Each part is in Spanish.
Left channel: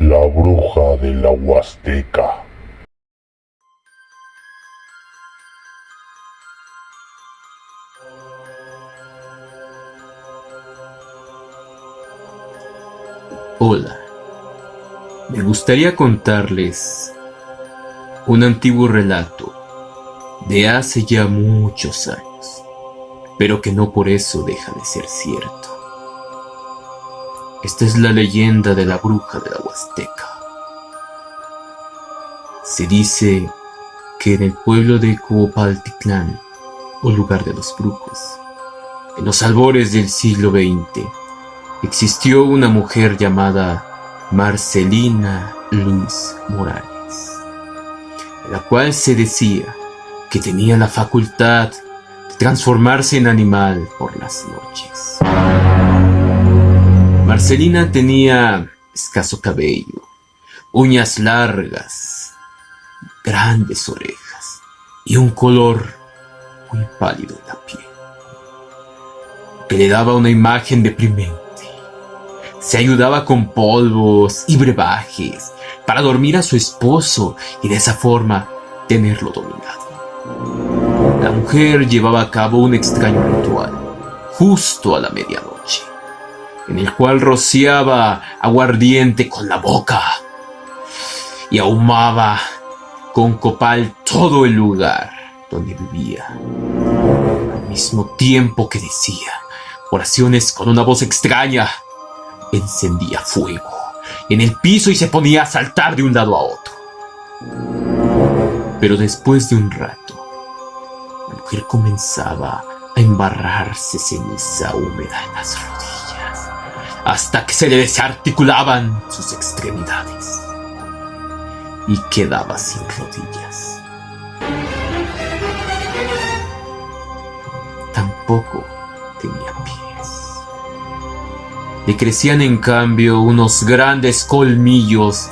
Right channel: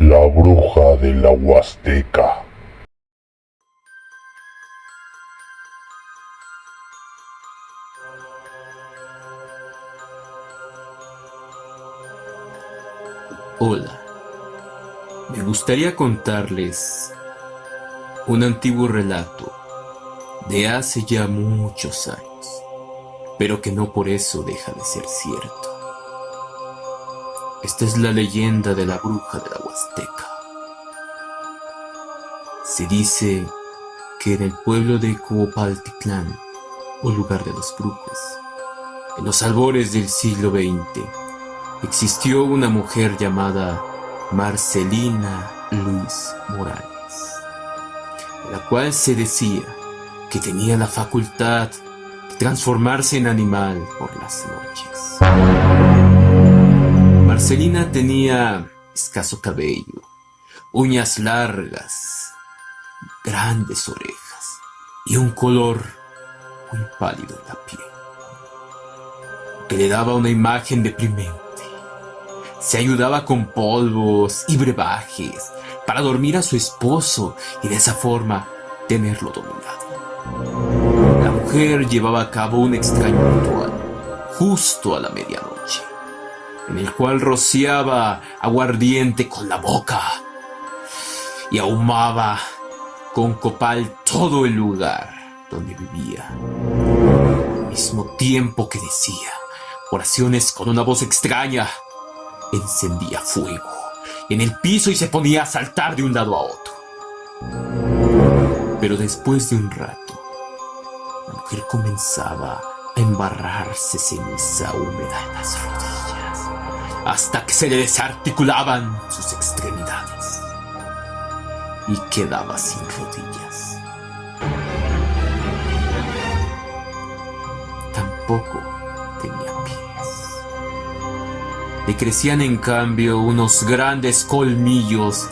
La bruja de la Huasteca. Hola, me gustaría contarles un antiguo relato de hace ya muchos años, pero que no por eso deja de ser cierto. Esta es la leyenda de la bruja de la Huasteca. Se dice que en el pueblo de Cuopaltitlán, o lugar de los brujos, en los albores del siglo XX, existió una mujer llamada Marcelina Luz Morales, la cual se decía que tenía la facultad de transformarse en animal por las noches. Marcelina tenía escaso cabello, uñas largas, grandes orejas y un color muy pálido en la piel, que le daba una imagen deprimente. Se ayudaba con polvos y brebajes para dormir a su esposo y de esa forma tenerlo dominado. La mujer llevaba a cabo un extraño ritual justo a la medianoche, en el cual rociaba aguardiente con la boca y ahumaba con copal todo el lugar donde vivía, al mismo tiempo que decía oraciones con una voz extraña. Encendía fuego en el piso y se ponía a saltar de un lado a otro. Pero después de un rato, la mujer comenzaba a embarrarse ceniza húmeda en las rodillas, hasta que se le desarticulaban sus extremidades y quedaba sin rodillas. Tampoco tenía pies. Le crecían en cambio unos grandes colmillos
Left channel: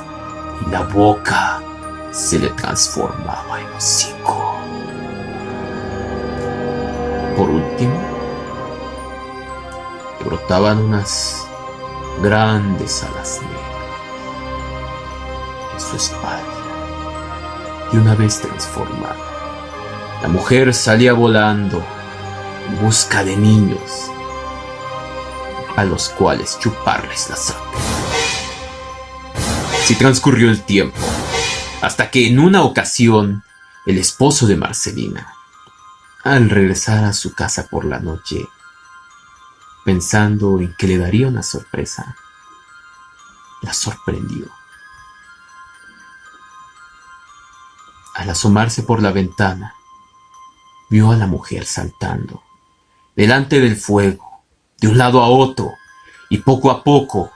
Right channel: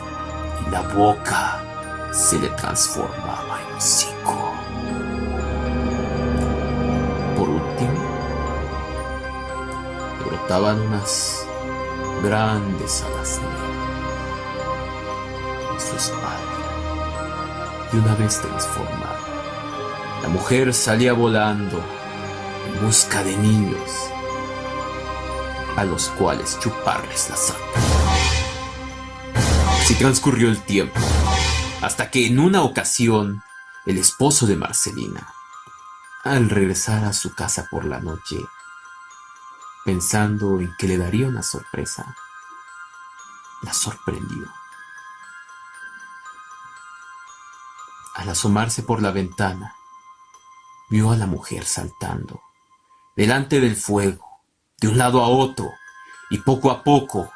y la boca se le transformaba en hocico. Por último, brotaban unas grandes alas negras en su espalda, y una vez transformada, la mujer salía volando en busca de niños a los cuales chuparles la sangre. Así transcurrió el tiempo, hasta que en una ocasión el esposo de Marcelina, al regresar a su casa por la noche, pensando en que le daría una sorpresa, la sorprendió. Al asomarse por la ventana, vio a la mujer saltando delante del fuego, de un lado a otro, y poco a poco,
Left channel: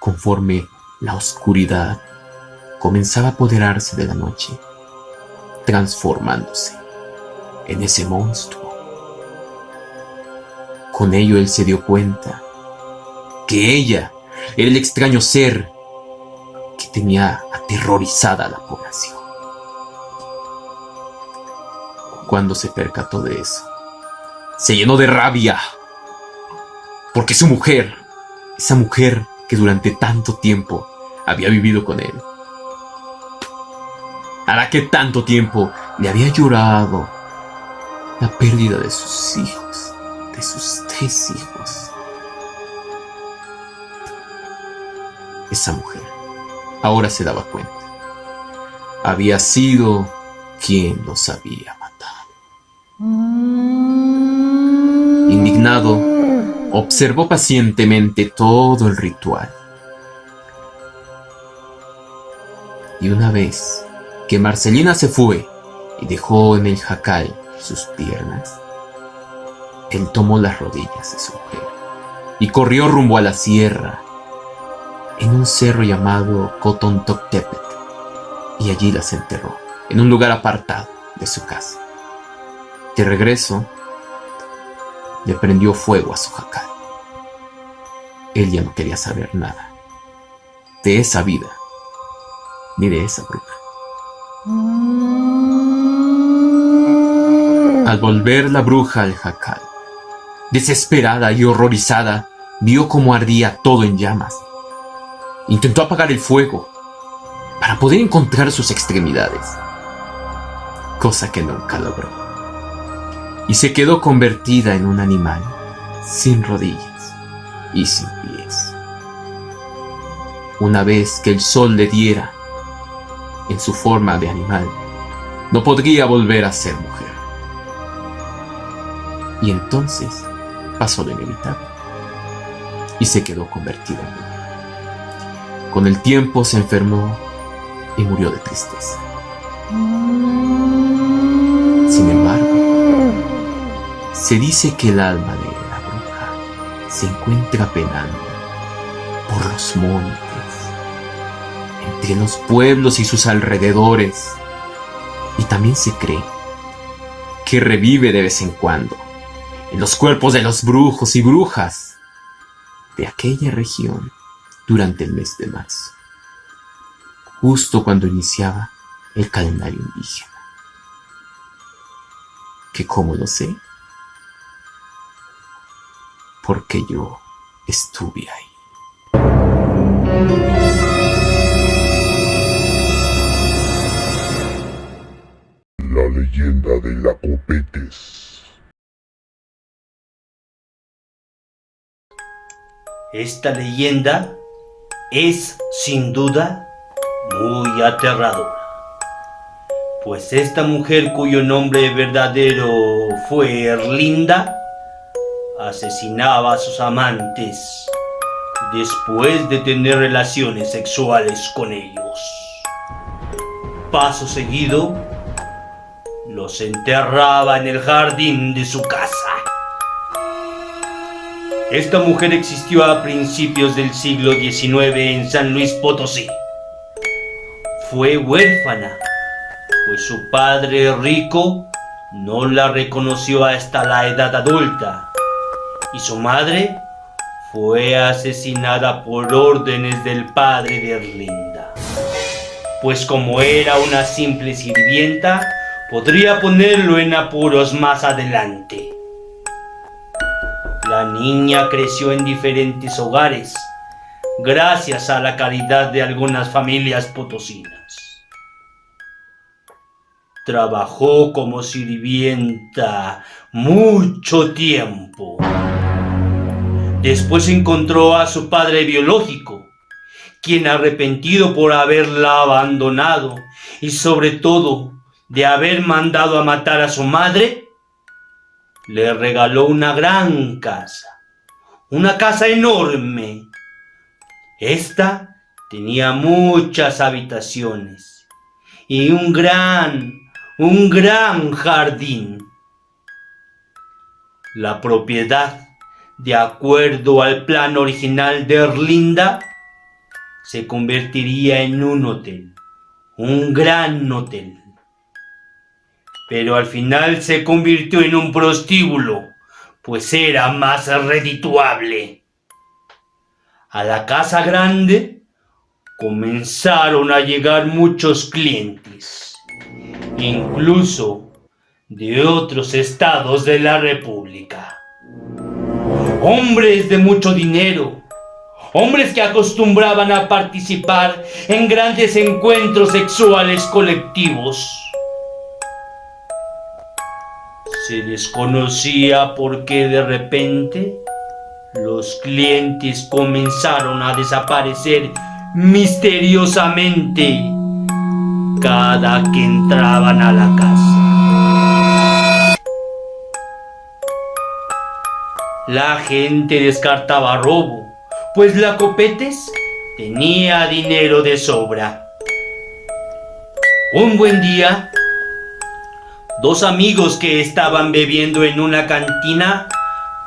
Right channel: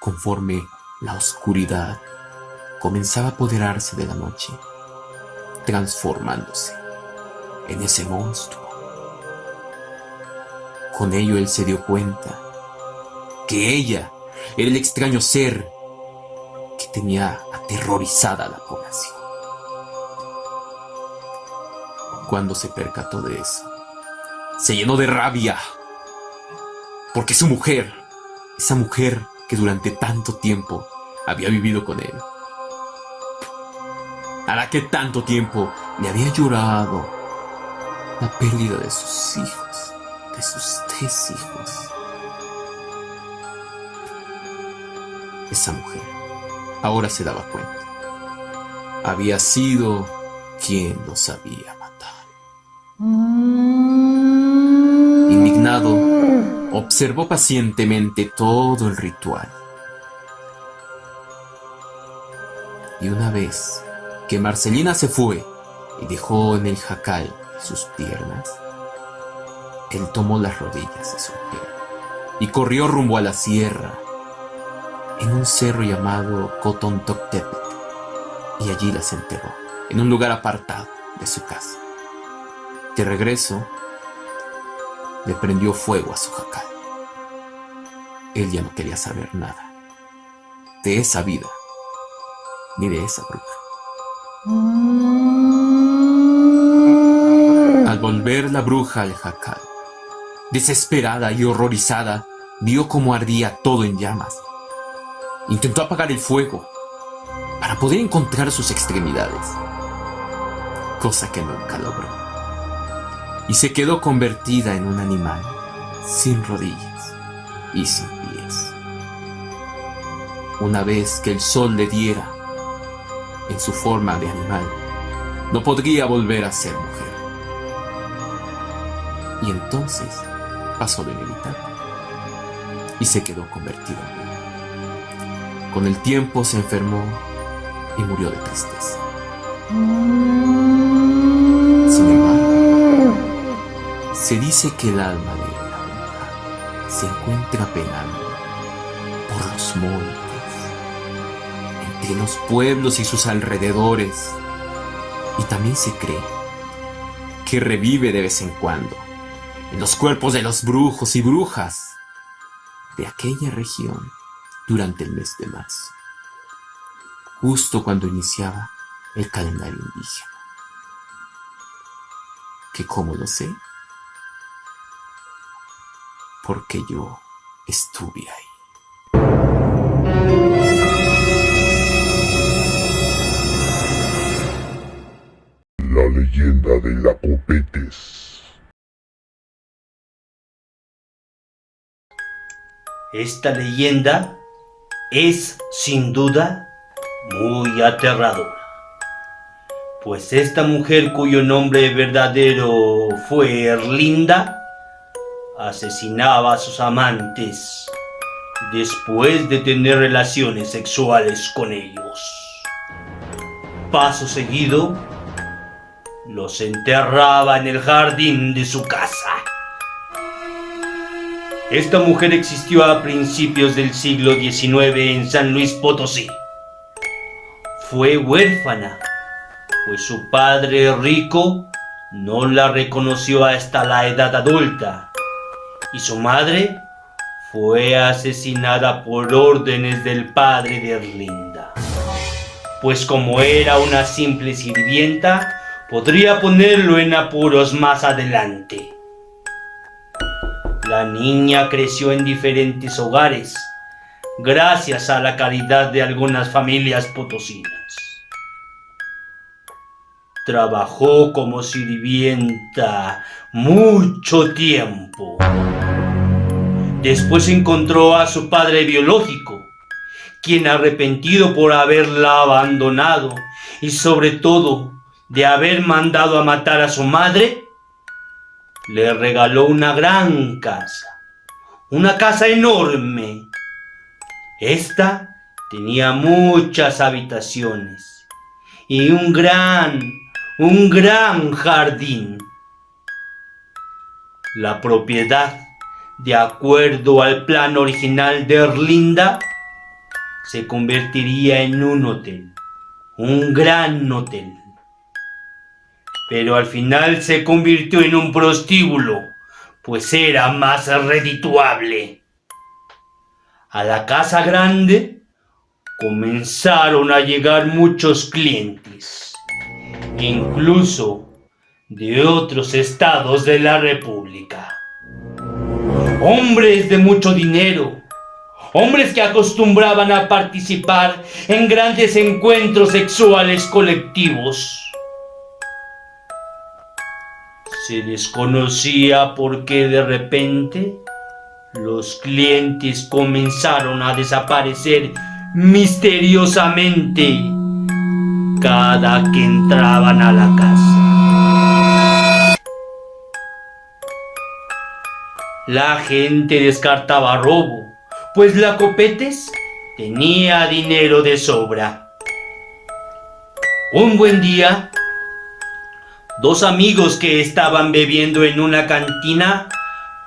conforme la oscuridad comenzaba a apoderarse de la noche, transformándose en ese monstruo. Con ello él se dio cuenta que ella era el extraño ser que tenía aterrorizada a la población. Cuando se percató de eso, se llenó de rabia, porque su mujer, esa mujer que durante tanto tiempo había vivido con él, a la que tanto tiempo le había llorado la pérdida de sus hijos, de sus 3 hijos. Esa mujer ahora se daba cuenta, había sido quien los había matado. Indignado, observó pacientemente todo el ritual. Y una vez que Marcelina se fue y dejó en el jacal sus piernas, él tomó las rodillas de su mujer y corrió rumbo a la sierra, en un cerro llamado Cotontoctépetl, y allí las enterró, en un lugar apartado de su casa. De regreso, le prendió fuego a su jacal. Él ya no quería saber nada de esa vida, ni de esa bruja. Al volver la bruja al jacal, desesperada y horrorizada, vio cómo ardía todo en llamas. Intentó apagar el fuego para poder encontrar sus extremidades, cosa que nunca logró, y se quedó convertida en un animal sin rodillas y sin pies. Una vez que el sol le diera en su forma de animal, no podría volver a ser mujer. Y entonces pasó lo inevitable y se quedó convertida. Con el tiempo se enfermó y murió de tristeza. Sin embargo, se dice que el alma de la bruja se encuentra penando por los montes, entre los pueblos y sus alrededores, y también se cree que revive de vez en cuando en los cuerpos de los brujos y brujas de aquella región durante el mes de marzo, justo cuando iniciaba el calendario indígena. ¿Que cómo lo sé? Porque yo estuve ahí. La leyenda de la Copetes. Esta leyenda es, sin duda, muy aterradora, pues esta mujer, cuyo nombre verdadero fue Erlinda, asesinaba a sus amantes después de tener relaciones sexuales con ellos. Paso seguido, los enterraba en el jardín de su casa. Esta mujer existió a principios del siglo XIX en San Luis Potosí. Fue huérfana, pues su padre rico no la reconoció hasta la edad adulta, y su madre fue asesinada por órdenes del padre de Erlinda, pues como era una simple sirvienta, podría ponerlo en apuros más adelante. La niña creció en diferentes hogares, gracias a la caridad de algunas familias potosinas. Trabajó como sirvienta mucho tiempo. Después encontró a su padre biológico, quien, arrepentido por haberla abandonado y sobre todo de haber mandado a matar a su madre, le regaló una gran casa, una casa enorme. Esta tenía muchas habitaciones y un gran jardín. La propiedad, de acuerdo al plan original de Erlinda, se convertiría en un hotel, un gran hotel. Pero al final se convirtió en un prostíbulo, pues era más redituable. A la casa grande comenzaron a llegar muchos clientes, incluso de otros estados de la República. Hombres de mucho dinero, hombres que acostumbraban a participar en grandes encuentros sexuales colectivos. Se desconocía por qué de repente los clientes comenzaron a desaparecer misteriosamente cada que entraban a la casa. La gente descartaba robo, pues la Copetes tenía dinero de sobra. Un buen día, dos amigos que estaban bebiendo en una cantina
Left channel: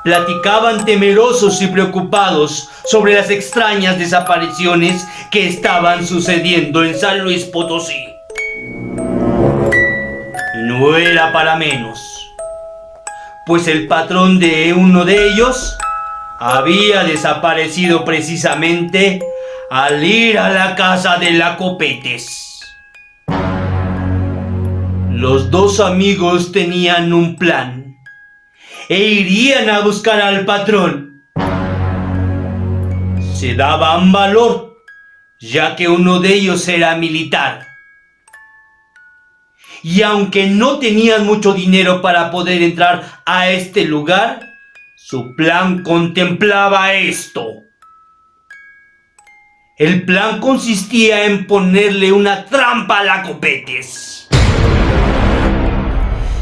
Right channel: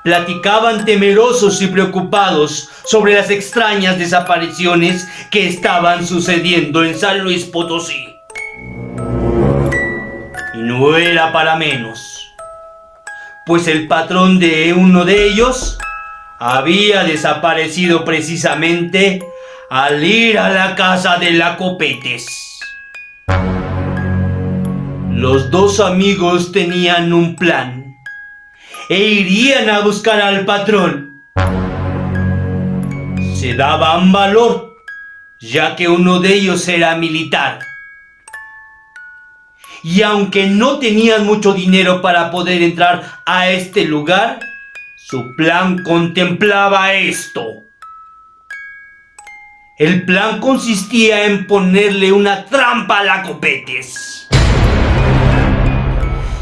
platicaban temerosos y preocupados sobre las extrañas desapariciones que estaban sucediendo en San Luis Potosí. Y no era para menos, pues el patrón de uno de ellos había desaparecido precisamente al ir a la casa de la Copetes. Los dos amigos tenían un plan e irían a buscar al patrón. Se daban valor, ya que uno de ellos era militar. Y aunque no tenían mucho dinero para poder entrar a este lugar, su plan contemplaba esto. El plan consistía en ponerle una trampa a la Copetes.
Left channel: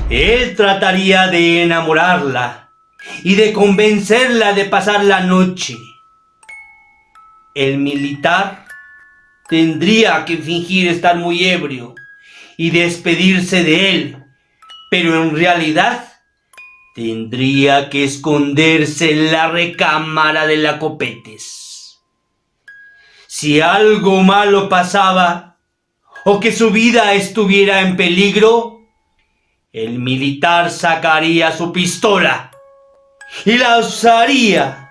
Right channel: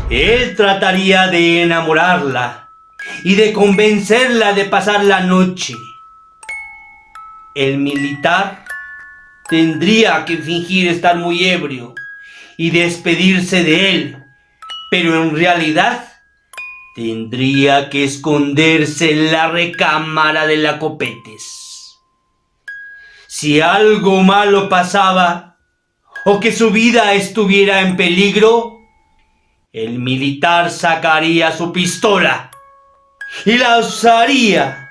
Él trataría de enamorarla y de convencerla de pasar la noche. El militar tendría que fingir estar muy ebrio y despedirse de él, pero en realidad tendría que esconderse en la recámara de la Copetes. Si algo malo pasaba o que su vida estuviera en peligro, el militar sacaría su pistola y la usaría.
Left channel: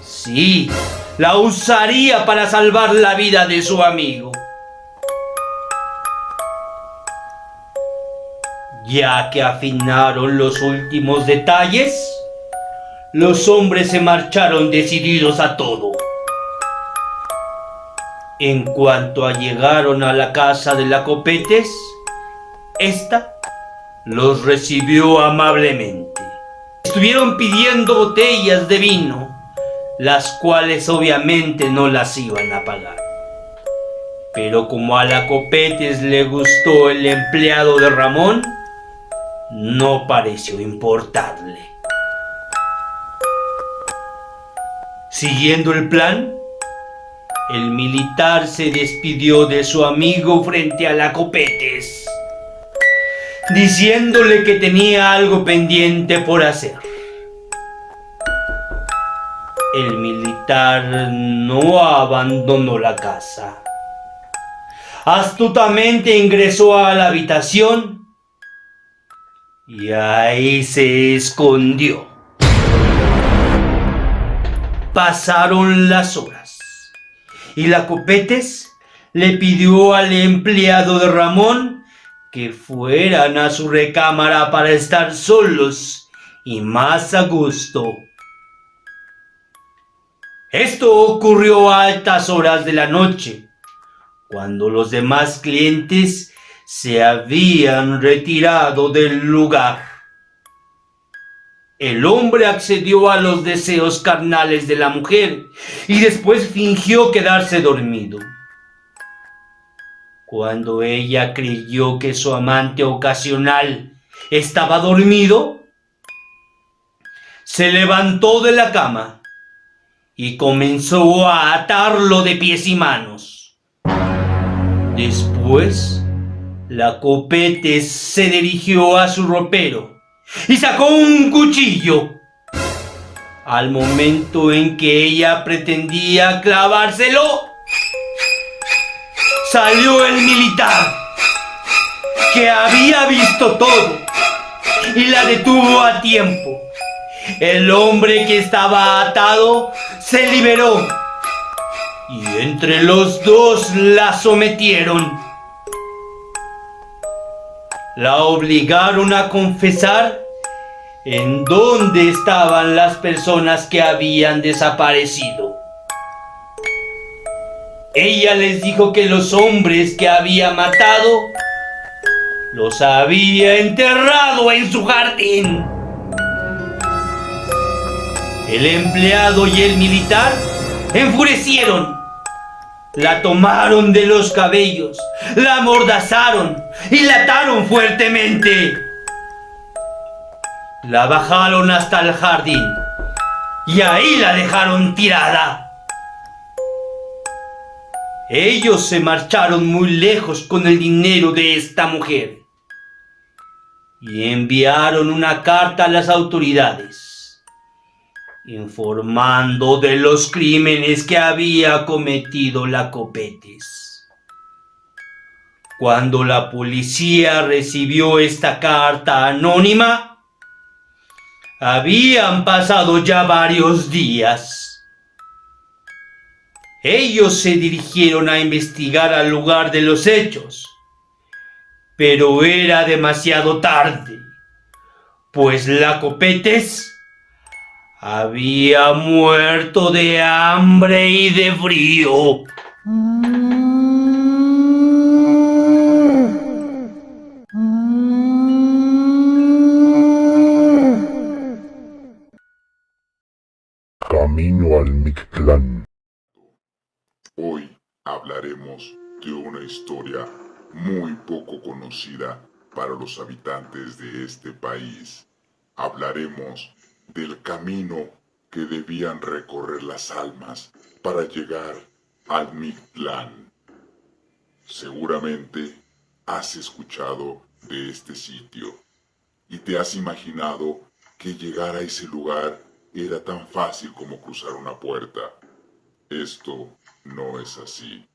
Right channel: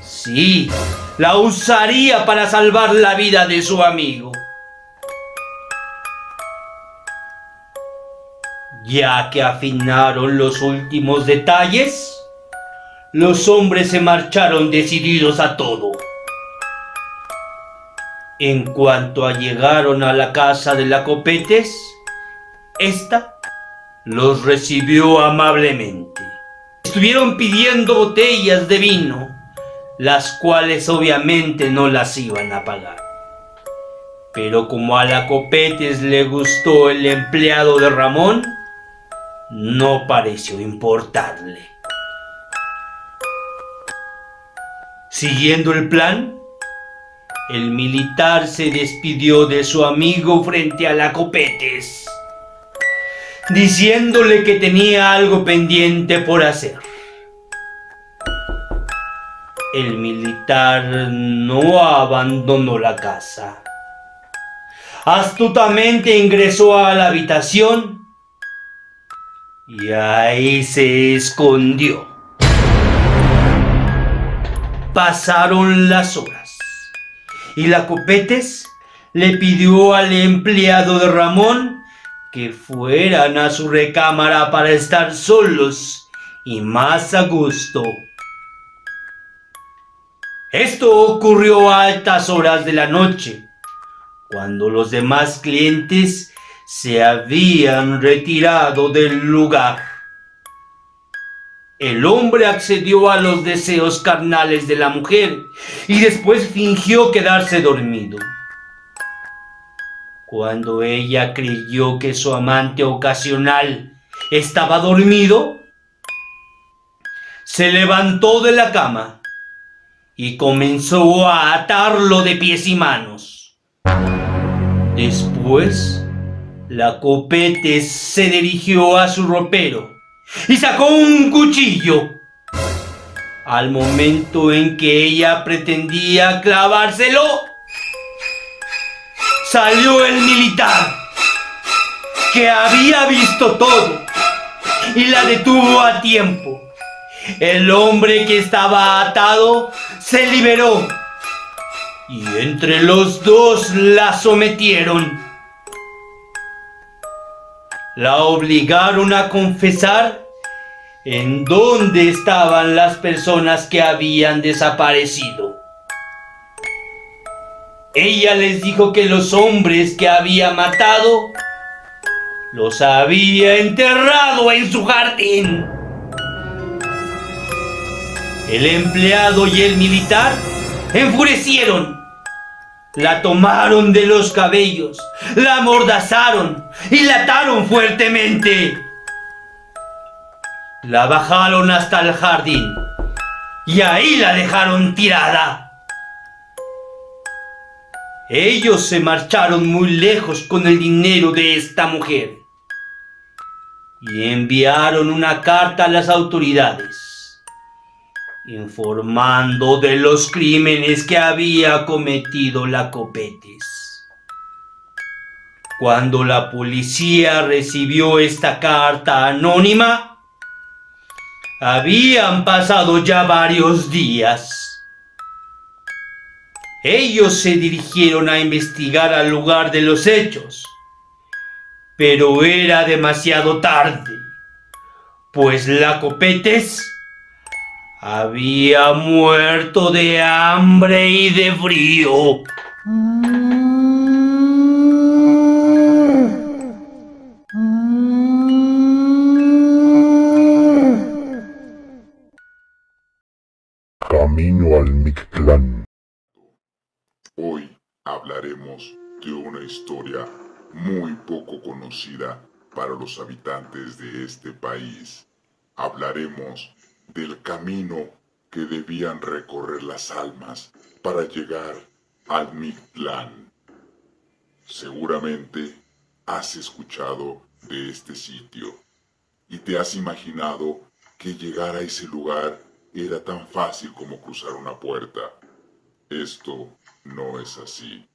Sí, la usaría para salvar la vida de su amigo. Ya que afinaron los últimos detalles, los hombres se marcharon decididos a todo. En cuanto llegaron a la casa de la Copetes, esta los recibió amablemente. Estuvieron pidiendo botellas de vino, las cuales obviamente no las iban a pagar. Pero como a la Copetes le gustó el empleado de Ramón, no pareció importarle. Siguiendo el plan, el militar se despidió de su amigo frente a la Copetes, diciéndole que tenía algo pendiente por hacer. El militar no abandonó la casa. Astutamente ingresó a la habitación y ahí se escondió. Pasaron las horas y la Copetes le pidió al empleado de Ramón que fueran a su recámara para estar solos y más a gusto. Esto ocurrió a altas horas de la noche, cuando los demás clientes se habían retirado del lugar. El hombre accedió a los deseos carnales de la mujer y después fingió quedarse dormido. Cuando ella creyó que su amante ocasional estaba dormido, se levantó de la cama y comenzó a atarlo de pies y manos. Después, la Copetes se dirigió a su ropero y sacó un cuchillo. Al momento en que ella pretendía clavárselo, salió el militar, que había visto todo, y la detuvo a tiempo. El hombre que estaba atado se liberó, y entre los dos la sometieron. La obligaron a confesar en dónde estaban las personas que habían desaparecido. Ella les dijo que los hombres que había matado los había enterrado en su jardín. El empleado y el militar enfurecieron. La tomaron de los cabellos, la amordazaron y la ataron fuertemente. La bajaron hasta el jardín y ahí la dejaron tirada. Ellos se marcharon muy lejos con el dinero de esta mujer y enviaron una carta a las autoridades informando de los crímenes que había cometido la Copetes. Cuando la policía recibió esta carta anónima, habían pasado ya varios días. Ellos se dirigieron a investigar al lugar de los hechos, pero era demasiado tarde, pues la Copetes había muerto de hambre y de frío. Camino al Mictlán. Hoy hablaremos de una historia muy poco conocida para los habitantes de este país. Hablaremos del camino que debían recorrer las almas para llegar al Mictlán. Seguramente has escuchado de este sitio y te has imaginado que llegar a ese lugar era tan fácil como cruzar una puerta. Esto no es así.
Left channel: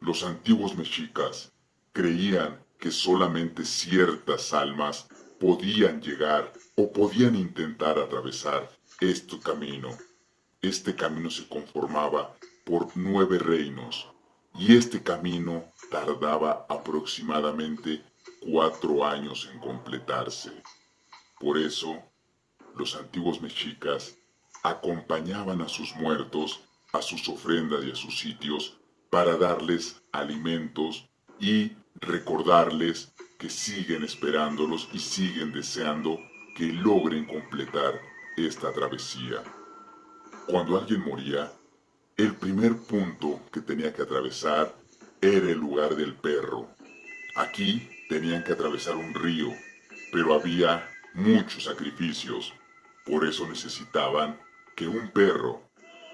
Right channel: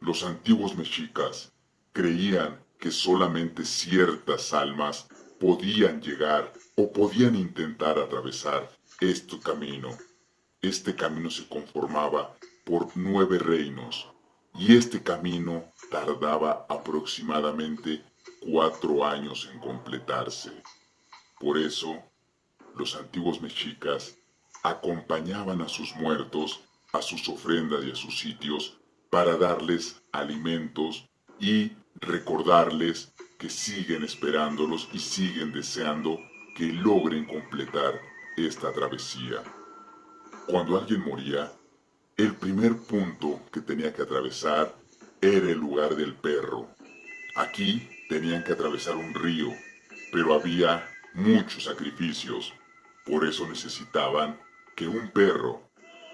Los antiguos mexicas creían que solamente ciertas almas podían llegar o podían intentar atravesar este camino. Este camino se conformaba por 9 reinos y este camino tardaba aproximadamente 4 años en completarse. Por eso, los antiguos mexicas acompañaban a sus muertos a sus ofrendas y a sus sitios para darles alimentos y recordarles que siguen esperándolos y siguen deseando que logren completar esta travesía. Cuando alguien moría, el primer punto que tenía que atravesar era el lugar del perro. Aquí tenían que atravesar un río, pero había muchos sacrificios. Por eso necesitaban que un perro,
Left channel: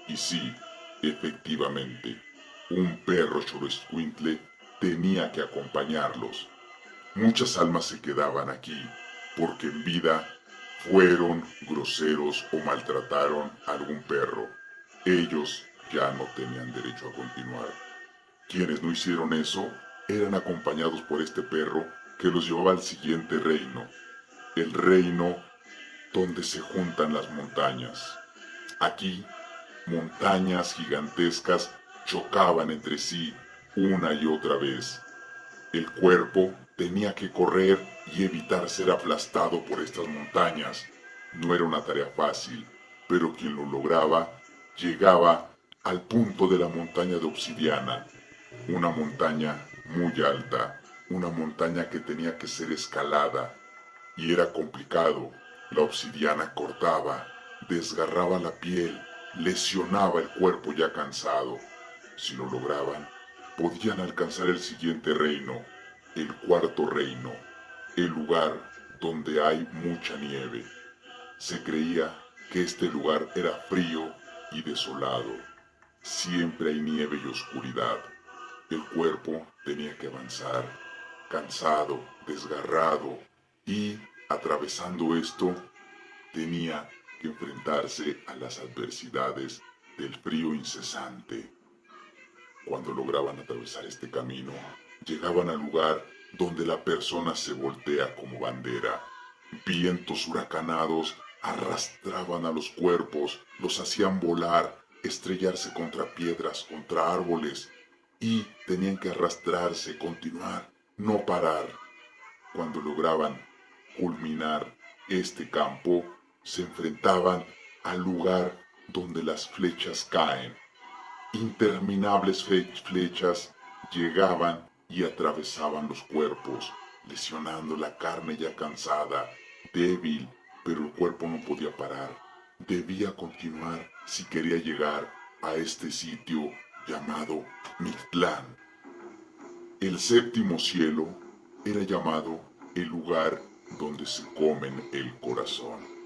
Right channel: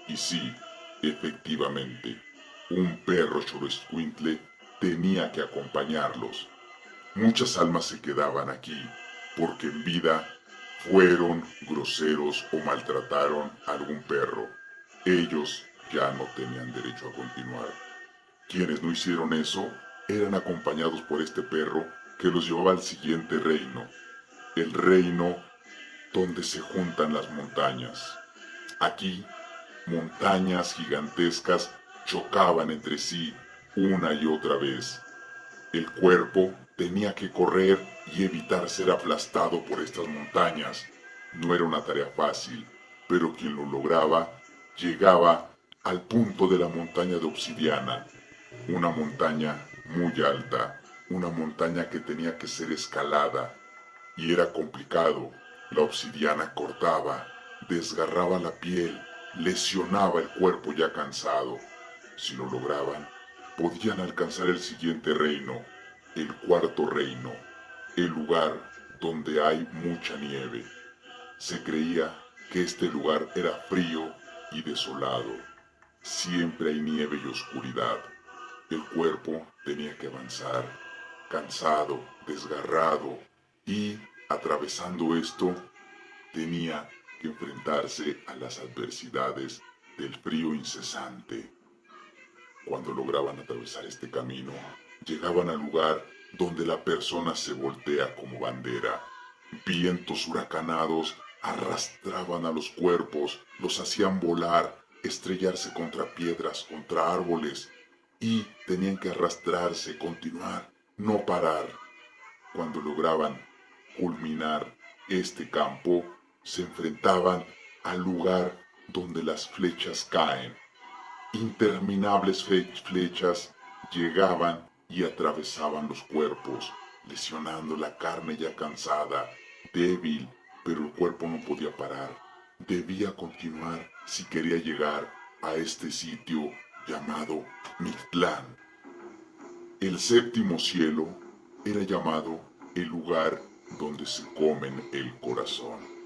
y sí, efectivamente, un perro xoloitzcuintle tenía que acompañarlos. Muchas almas se quedaban aquí porque en vida fueron groseros o maltrataron a algún perro. Ellos ya no tenían derecho a continuar. Quienes no hicieron eso eran acompañados por este perro que los llevaba al siguiente reino, el reino donde se juntan las montañas. Aquí, montañas gigantescas chocaban entre sí una y otra vez. El cuerpo tenía que correr y evitar ser aplastado por estas montañas. No era una tarea fácil, pero quien lo lograba llegaba al punto de la montaña de obsidiana, una montaña muy alta, una montaña que tenía que ser escalada, y era complicado. La obsidiana cortaba, desgarraba la piel, lesionaba el cuerpo ya cansado. Si lo lograban, podían alcanzar el siguiente reino, el cuarto reino, el lugar donde hay mucha nieve. Se creía que este lugar era frío y desolado. Siempre hay nieve y oscuridad. El cuerpo tenía que avanzar, cansado, desgarrado, y atravesando esto, tenía que enfrentarse a las adversidades del frío incesante. Cuando lograban atravesar este camino, llegaban al lugar donde la persona se voltea como bandera. Vientos huracanados arrastraban a los cuerpos, los hacían volar, estrellarse contra piedras, contra árboles, y tenían que arrastrarse, continuar, no parar. Cuando lograban culminar este campo, se enfrentaban al lugar donde las flechas caen. Interminables flechas llegaban y atravesaban los cuerpos, lesionando la carne ya cansada, débil, pero el cuerpo no podía parar. Debía continuar si quería llegar a este sitio llamado Mictlán. El séptimo cielo era llamado el lugar donde se comen el corazón.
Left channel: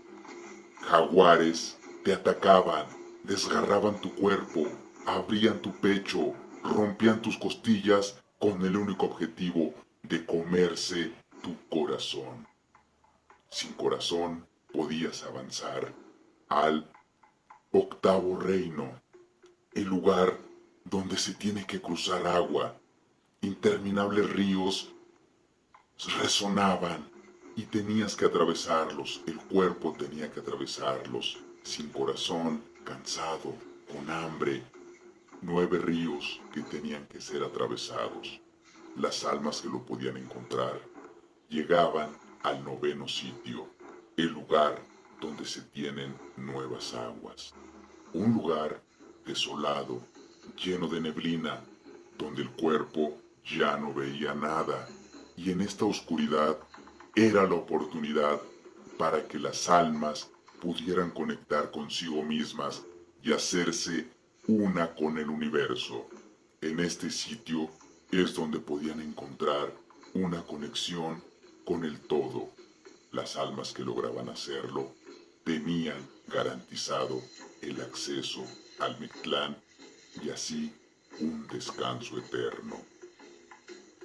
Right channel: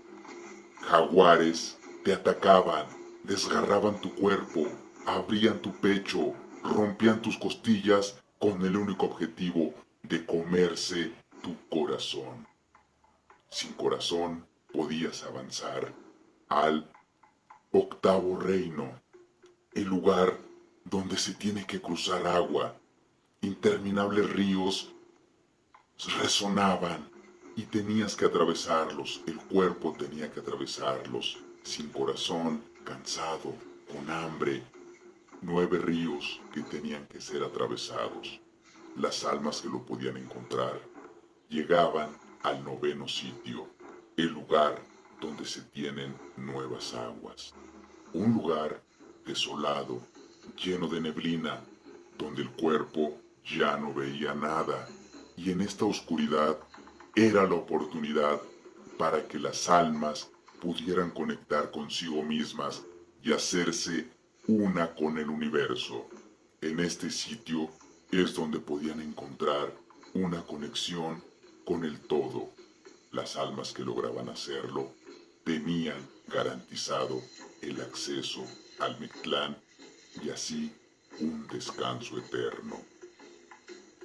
Jaguares te atacaban, desgarraban tu cuerpo, abrían tu pecho, rompían tus costillas con el único objetivo de comerse tu corazón. Sin corazón podías avanzar al octavo reino, el lugar donde se tiene que cruzar agua. Interminables ríos resonaban y tenías que atravesarlos, el cuerpo tenía que atravesarlos, sin corazón, cansado, con hambre. 9 ríos que tenían que ser atravesados. Las almas que lo podían encontrar llegaban al 9º sitio, el lugar donde se tienen nuevas aguas. Un lugar desolado, lleno de neblina, donde el cuerpo ya no veía nada, y en esta oscuridad era la oportunidad para que las almas pudieran conectar consigo mismas y hacerse una con el universo. En este sitio es donde podían encontrar una conexión con el todo. Las almas que lograban hacerlo tenían garantizado el acceso al Mictlán y así un descanso eterno.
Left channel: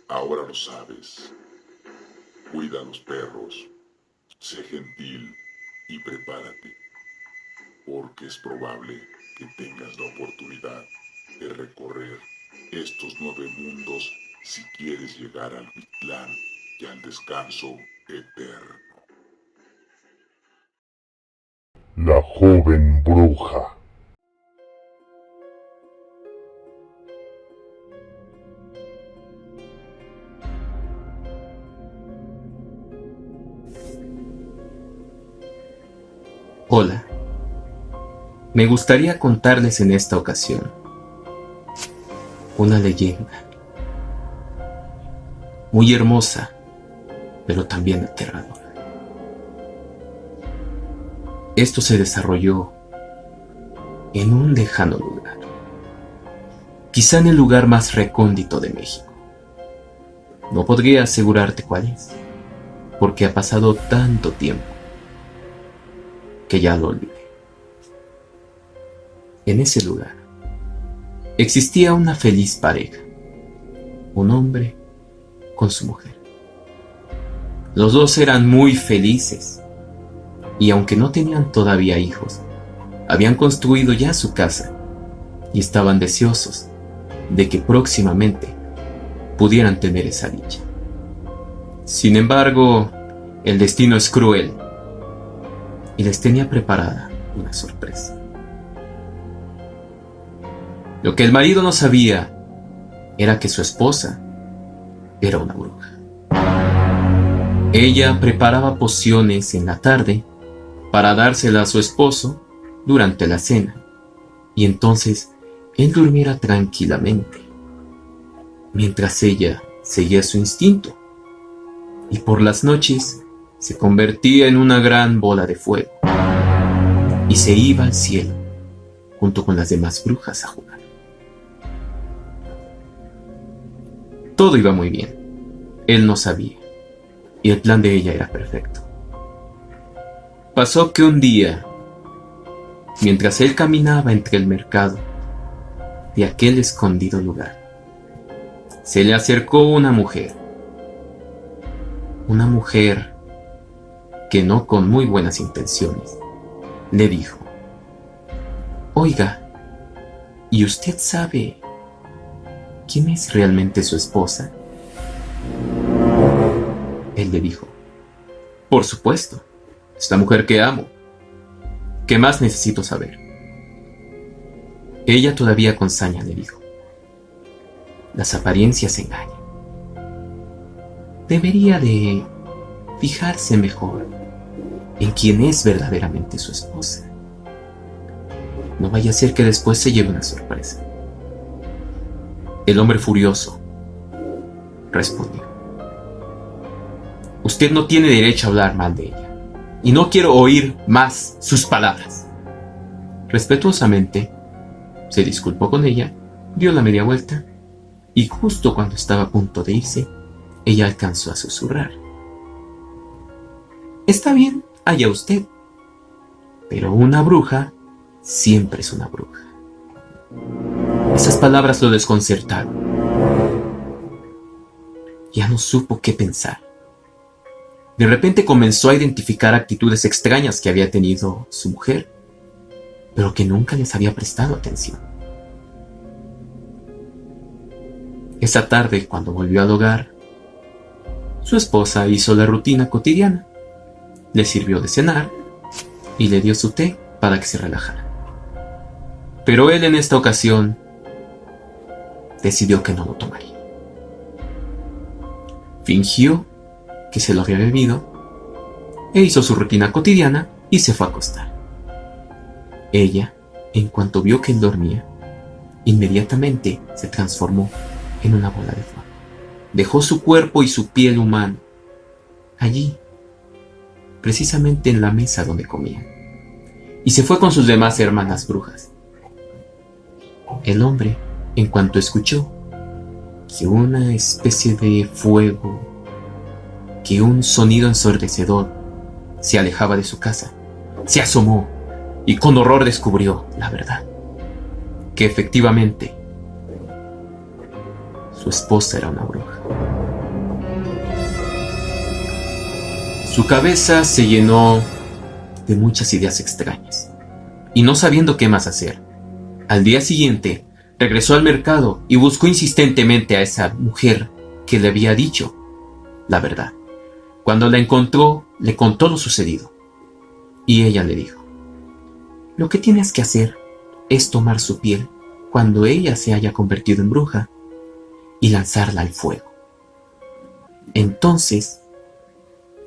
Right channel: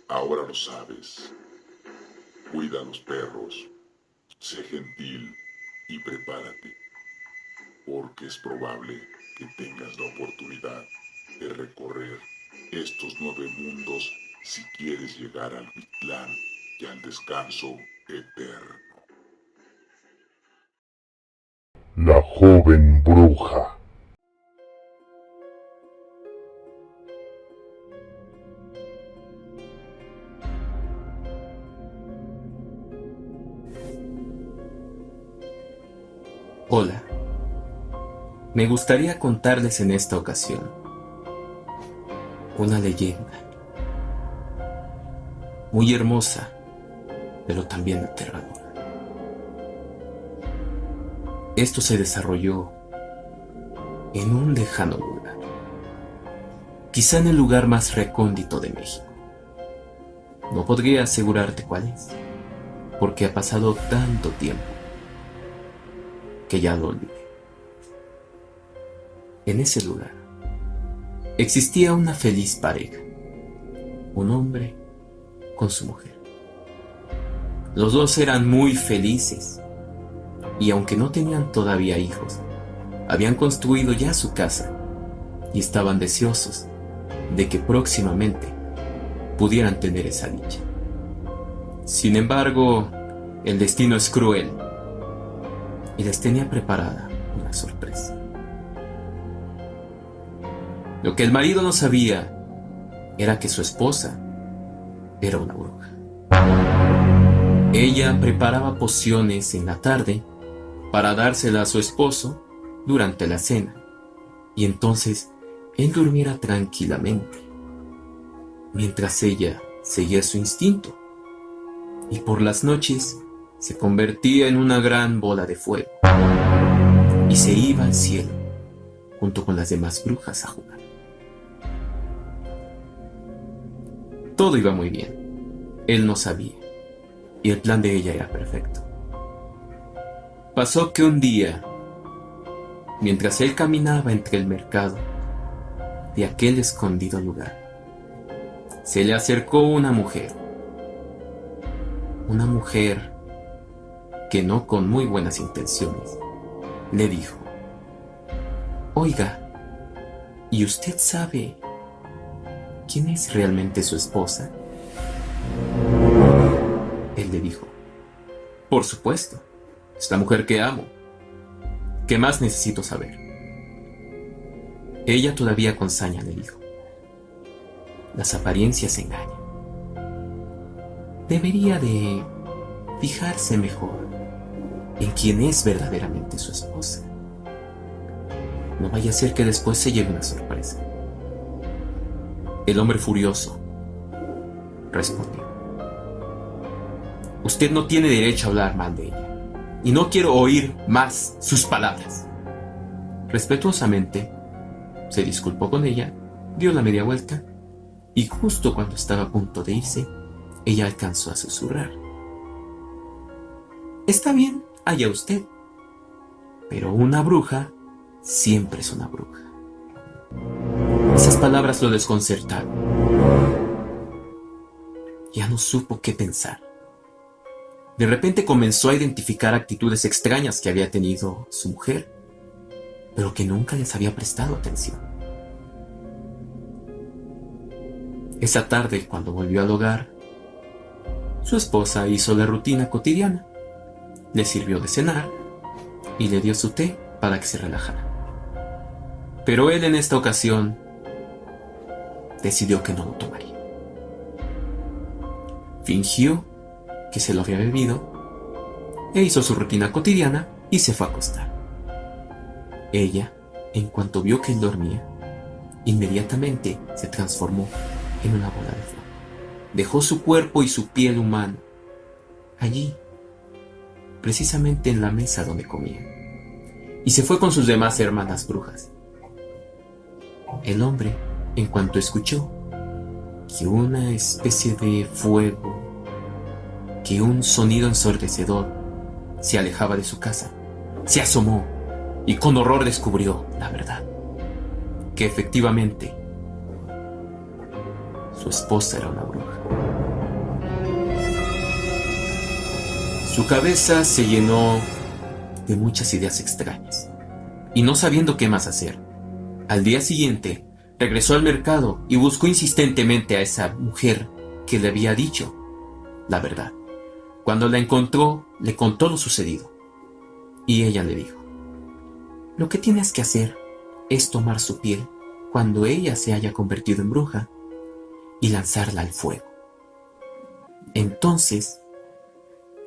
Ahora lo sabes. Cuida a los perros, sé gentil y prepárate, porque es probable que tengas la oportunidad de recorrer estos 9 mundos si quieres llegar al Mictlán y al descanso eterno. La joven bruja. Hola. Me gustaría contarles en esta ocasión una leyenda muy hermosa, pero también aterradora. Esto se desarrolló en un lejano lugar, quizá en el lugar más recóndito de México. No podría asegurarte cuál es, porque ha pasado tanto tiempo que ya lo olvidé. En ese lugar existía una feliz pareja, un hombre con su mujer. Los dos eran muy felices y aunque no tenían todavía hijos, habían construido ya su casa y estaban deseosos de que próximamente pudieran tener esa dicha. Sin embargo, el destino es cruel y les tenía preparada una sorpresa. Lo que el marido no sabía era que su esposa era una bruja. Ella preparaba pociones en la tarde para dársela a su esposo durante la cena, y entonces él durmiera tranquilamente, mientras ella seguía su instinto, y por las noches se convertía en una gran bola de fuego y se iba al cielo junto con las demás brujas a jugar. Todo iba muy bien. Él no sabía, y el plan de ella era perfecto. Pasó que un día, mientras él caminaba entre el mercado y aquel escondido lugar, se le acercó una mujer que no con muy buenas intenciones le dijo: «Oiga, ¿y usted sabe quién es realmente su esposa?». Él le dijo: «Por supuesto, es la mujer que amo. ¿Qué más necesito saber?». Ella todavía con saña le dijo: «Las apariencias engañan. Debería de fijarse mejor en quién es verdaderamente su esposa. No vaya a ser que después se lleve una sorpresa». El hombre furioso respondió: «Usted no tiene derecho a hablar mal de ella, y no quiero oír más sus palabras». Respetuosamente se disculpó con ella, dio la media vuelta, y justo cuando estaba a punto de irse, ella alcanzó a susurrar: «Está bien, allá usted, pero una bruja siempre es una bruja». Esas palabras lo desconcertaron. Ya no supo qué pensar. De repente comenzó a identificar actitudes extrañas que había tenido su mujer. pero que nunca les había prestado atención. Esa tarde, cuando volvió al hogar, su esposa hizo la rutina cotidiana. Le sirvió de cenar y le dio su té para que se relajara. Pero él en esta ocasión decidió que no lo tomaría. Fingió que se lo había bebido e hizo su rutina cotidiana y se fue a acostar. Ella, en cuanto vio que él dormía, inmediatamente se transformó en una bola de fuego. Dejó su cuerpo y su piel humana allí, precisamente en la mesa donde comía, y se fue con sus demás hermanas brujas. El hombre, en cuanto escuchó que una especie de fuego, que un sonido ensordecedor se alejaba de su casa, se asomó y con horror descubrió la verdad, que efectivamente su esposa era una bruja. Su cabeza se llenó de muchas ideas extrañas y no sabiendo qué más hacer, al día siguiente regresó al mercado y buscó insistentemente a esa mujer que le había dicho la verdad. Cuando la encontró, le contó lo sucedido y ella le dijo: lo que tienes que hacer es tomar su piel cuando ella se haya convertido en bruja y lanzarla al fuego. Entonces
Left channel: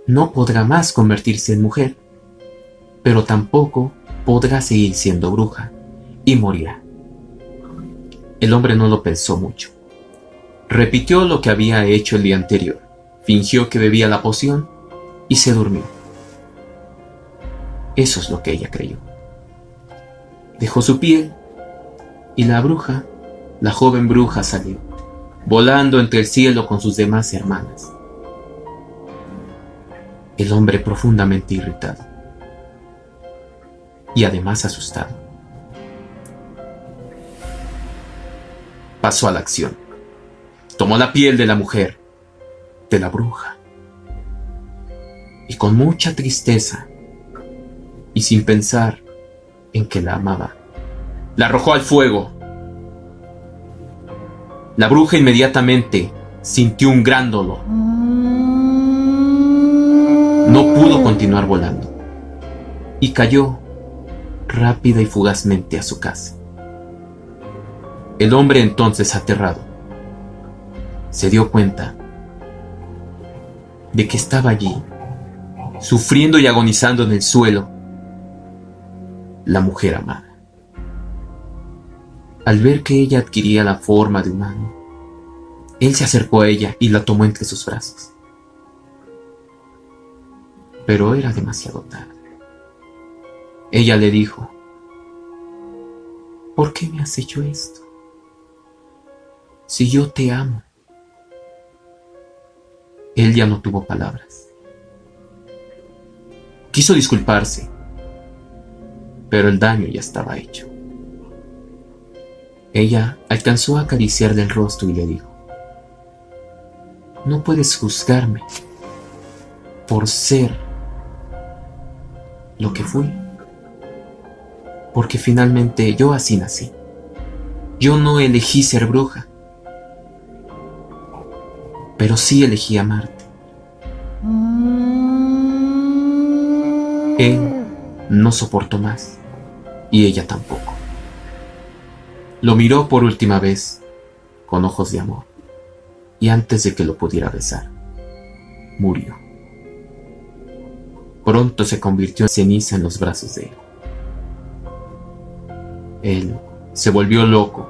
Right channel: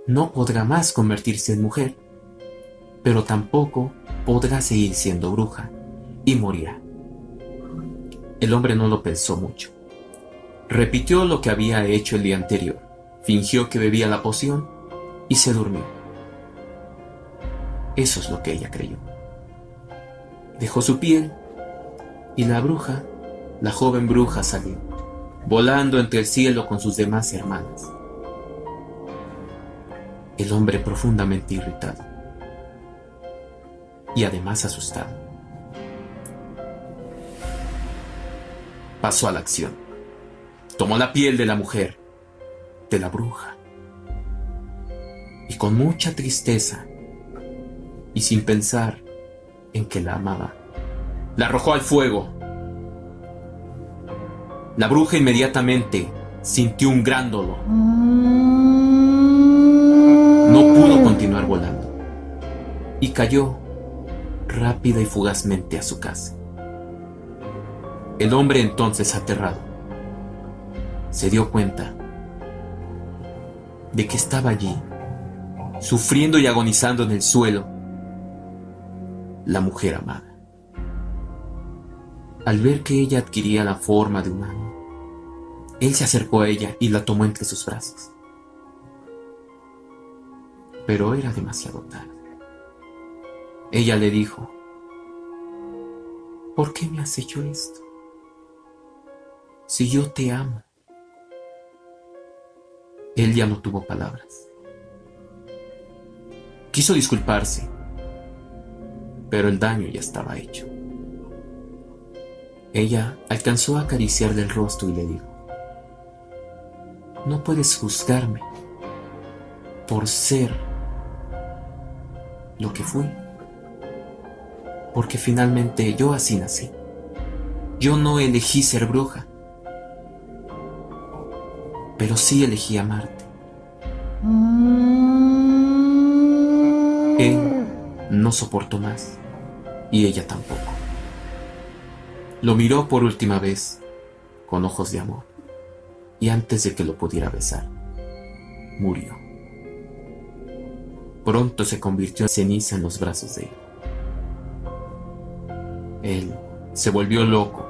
no podrá más convertirse en mujer, pero tampoco podrá seguir siendo bruja y morirá. El hombre no lo pensó mucho. Repitió lo que había hecho el día anterior, fingió que bebía la poción y se durmió. Eso es lo que ella creyó. Dejó su piel y la bruja, la joven bruja, salió, volando entre el cielo con sus demás hermanas. El hombre, profundamente irritado y además asustado, pasó a la acción. Tomó la piel de la mujer, de la bruja, y con mucha tristeza y sin pensar en que la amaba, la arrojó al fuego. La bruja inmediatamente sintió un gran dolor. No pudo continuar volando y cayó rápida y fugazmente a su casa. El hombre, entonces aterrado, se dio cuenta de que estaba allí, sufriendo y agonizando en el suelo, la mujer amada. Al ver que ella adquiría la forma de humano, él se acercó a ella y la tomó entre sus brazos. Pero era demasiado tarde. Ella le dijo: ¿por qué me has hecho esto? Si yo te amo. Él ya no tuvo palabras. Quiso disculparse, pero el daño ya estaba hecho. Ella alcanzó a acariciarle el rostro y le dijo: no puedes juzgarme por ser lo que fui, porque finalmente yo así nací. Yo no elegí ser bruja, pero sí elegí amarte. Él no soportó más, y ella tampoco. Lo miró por última vez con ojos de amor, y antes de que lo pudiera besar, murió. Pronto se convirtió en ceniza en los brazos de él. Él se volvió loco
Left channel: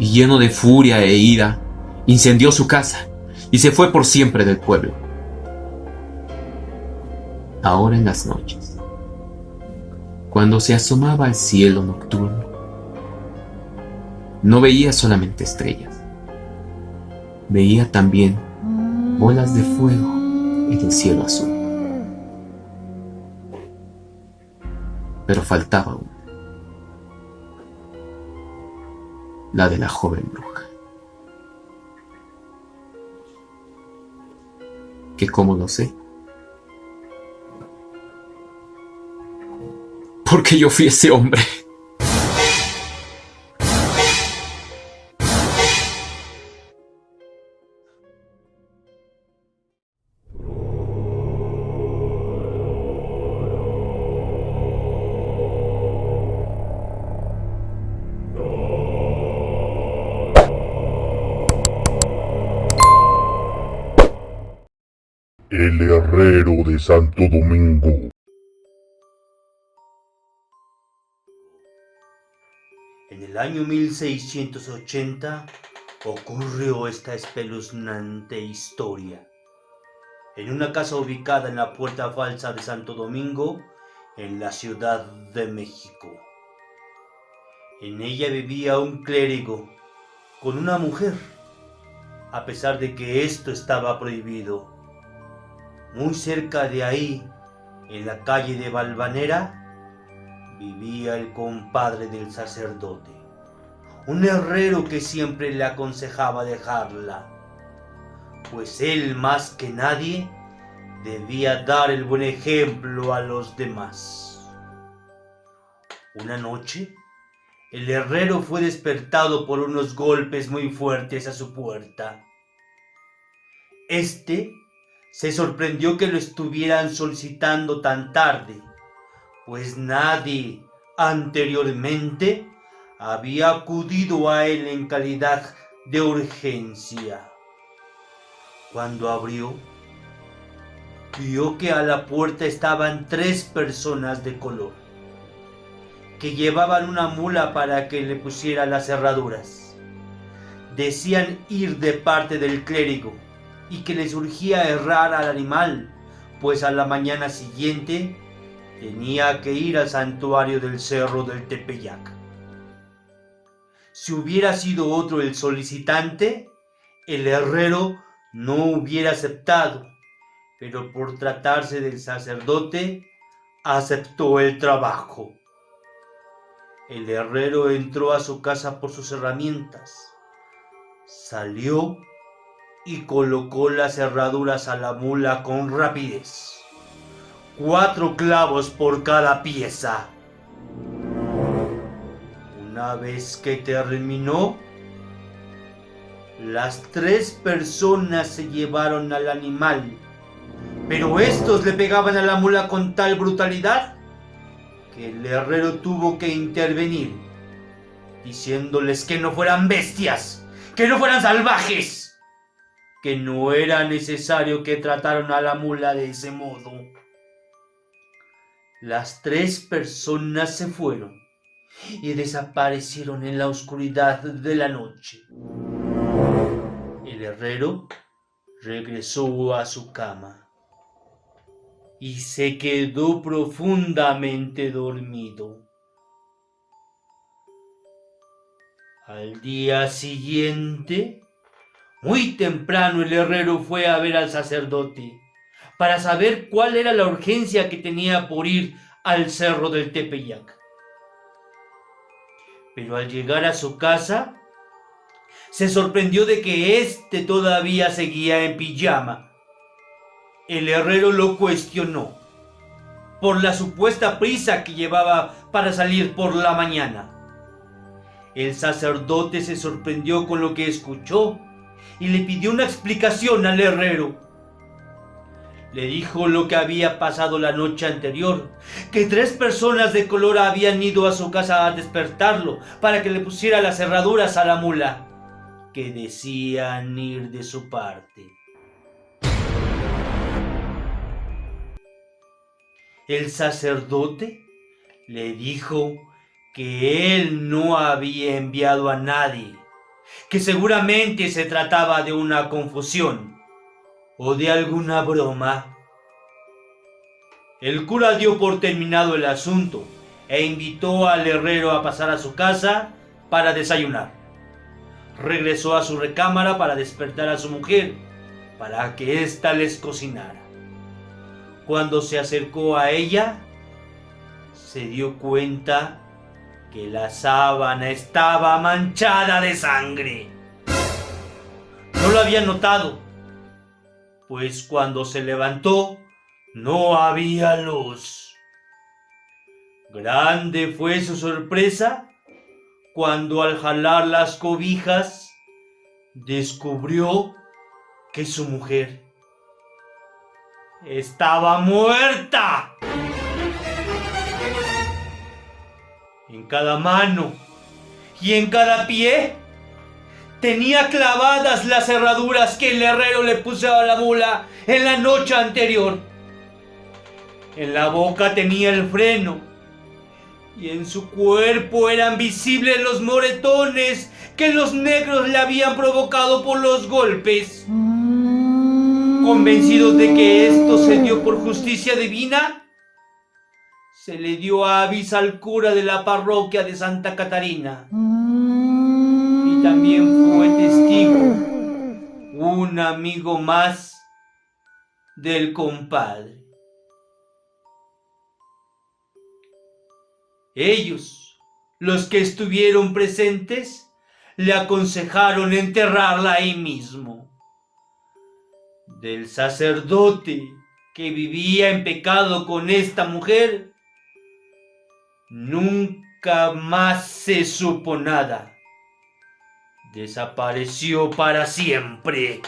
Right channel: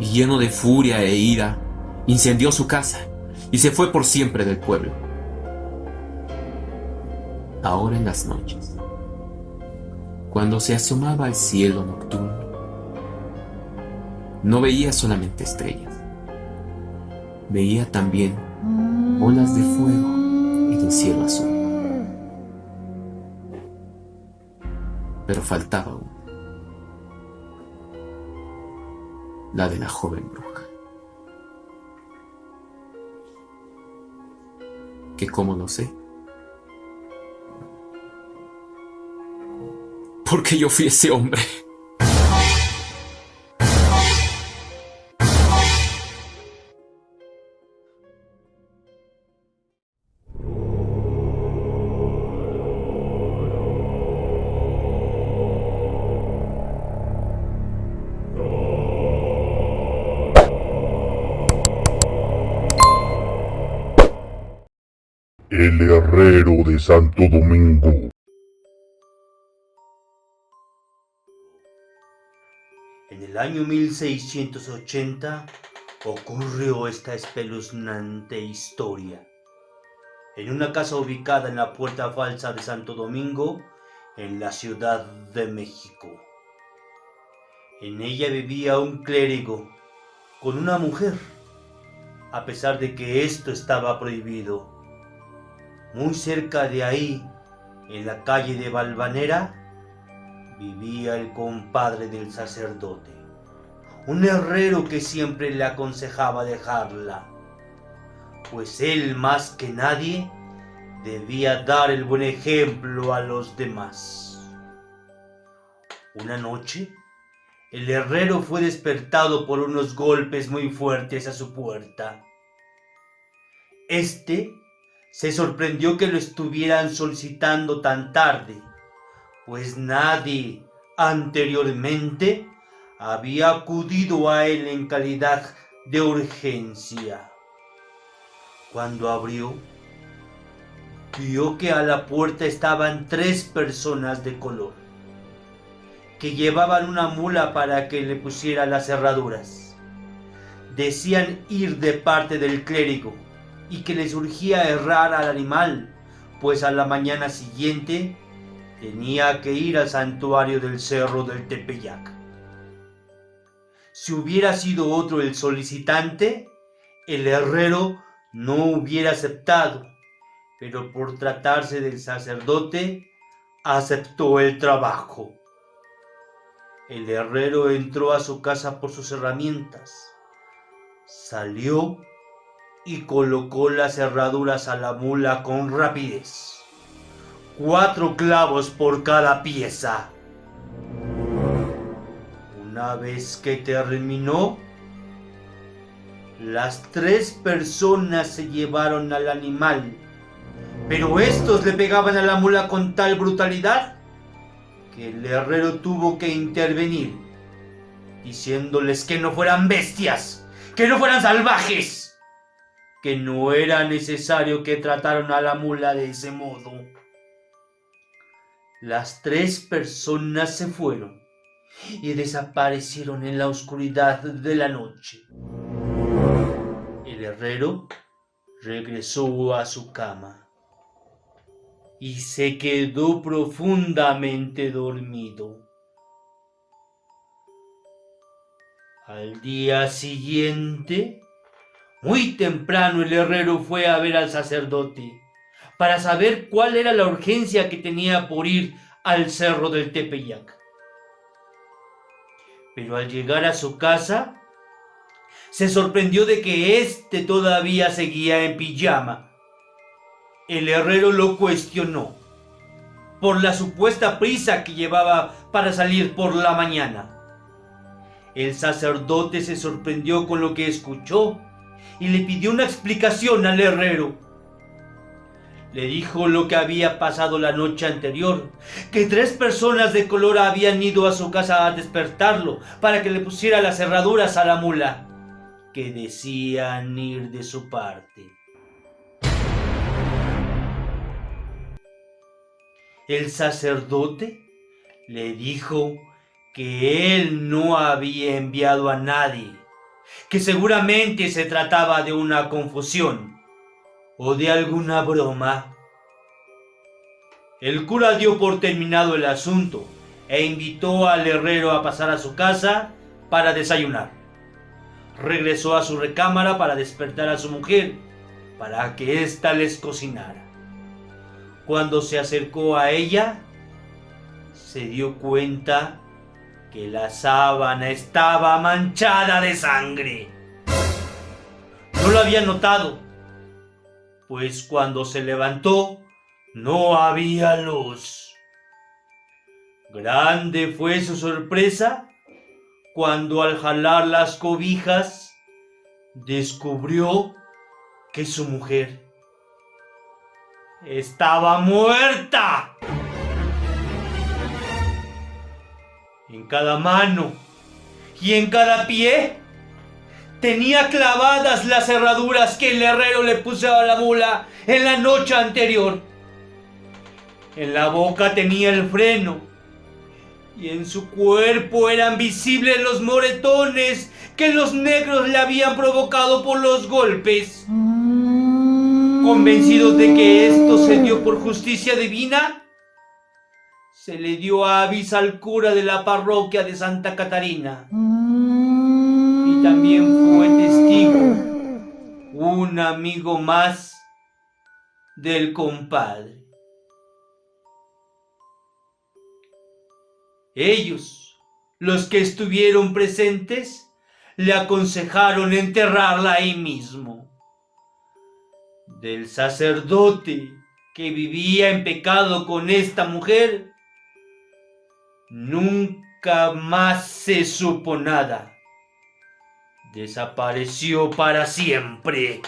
y, lleno de furia e ira, incendió su casa y se fue por siempre del pueblo. Ahora, en las noches, cuando se asomaba al cielo nocturno, no veía solamente estrellas, veía también bolas de fuego en el cielo azul. Pero faltaba una, la de la joven bruja, que, como lo sé, porque yo fui ese hombre. El herrero de Santo Domingo. En el año 1680 ocurrió esta espeluznante historia. En una casa ubicada en la Puerta Falsa de Santo Domingo, en la Ciudad de México. En ella vivía un clérigo con una mujer, a pesar de que esto estaba prohibido. Muy cerca de ahí, en la calle de Valvanera, vivía el compadre del sacerdote, un herrero que siempre le aconsejaba dejarla, pues él más que nadie debía dar el buen ejemplo a los demás. Una noche, el herrero fue despertado por unos golpes muy fuertes a su puerta. Este se sorprendió que lo estuvieran solicitando tan tarde, pues nadie anteriormente había acudido a él en calidad de urgencia. Cuando abrió, vio que a la puerta estaban 3 personas de color, que llevaban una mula para que le pusiera las cerraduras. Decían ir de parte del clérigo y que les urgía herrar al animal, pues a la mañana siguiente tenía que ir al santuario del Cerro del Tepeyac. Si hubiera sido otro el solicitante, el herrero no hubiera aceptado, pero por tratarse del sacerdote, aceptó el trabajo. El herrero entró a su casa por sus herramientas, salió y colocó las cerraduras a la mula con rapidez. 4 clavos por cada pieza. Una vez que terminó, las 3 personas se llevaron al animal, pero estos le pegaban a la mula con tal brutalidad que el herrero tuvo que intervenir, diciéndoles que no fueran bestias, que no fueran salvajes, que no era necesario que trataran a la mula de ese modo. Las 3 personas se fueron y desaparecieron en la oscuridad de la noche. El herrero regresó a su cama y se quedó profundamente dormido. Al día siguiente, muy temprano, el herrero fue a ver al sacerdote para saber cuál era la urgencia que tenía por ir al Cerro del Tepeyac. Pero al llegar a su casa, se sorprendió de que éste todavía seguía en pijama. El herrero lo cuestionó por la supuesta prisa que llevaba para salir por la mañana. El sacerdote se sorprendió con lo que escuchó y le pidió una explicación al herrero. Le dijo lo que había pasado la noche anterior, que 3 personas de color habían ido a su casa a despertarlo para que le pusiera las cerraduras a la mula, que decían ir de su parte. El sacerdote le dijo que él no había enviado a nadie, que seguramente se trataba de una confusión o de alguna broma. El cura dio por terminado el asunto e invitó al herrero a pasar a su casa para desayunar. Regresó a su recámara para despertar a su mujer, para que ésta les cocinara. Cuando se acercó a ella, se dio cuenta que la sábana estaba manchada de sangre. No lo había notado, pues cuando se levantó no había luz. Grande fue su sorpresa cuando al jalar las cobijas descubrió que su mujer estaba muerta. En cada mano y en cada pie tenía clavadas las herraduras que el herrero le puso a la mula en la noche anterior. En la boca tenía el freno y en su cuerpo eran visibles los moretones que los negros le habían provocado por los golpes. Convencidos de que esto se dio por justicia divina, se le dio avis al cura de la parroquia de Santa Catarina. Y también fue testigo un amigo más del compadre. Ellos, los que estuvieron presentes, le aconsejaron enterrarla ahí mismo. Del sacerdote que vivía en pecado con esta mujer, nunca más se supo nada. Desapareció para siempre.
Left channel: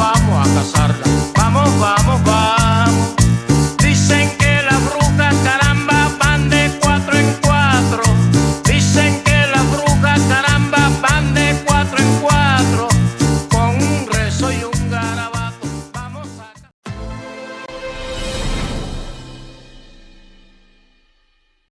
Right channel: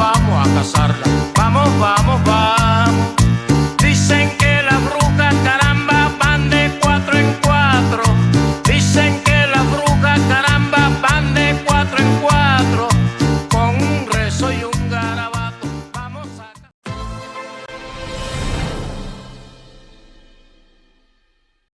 Vamos a cazarla.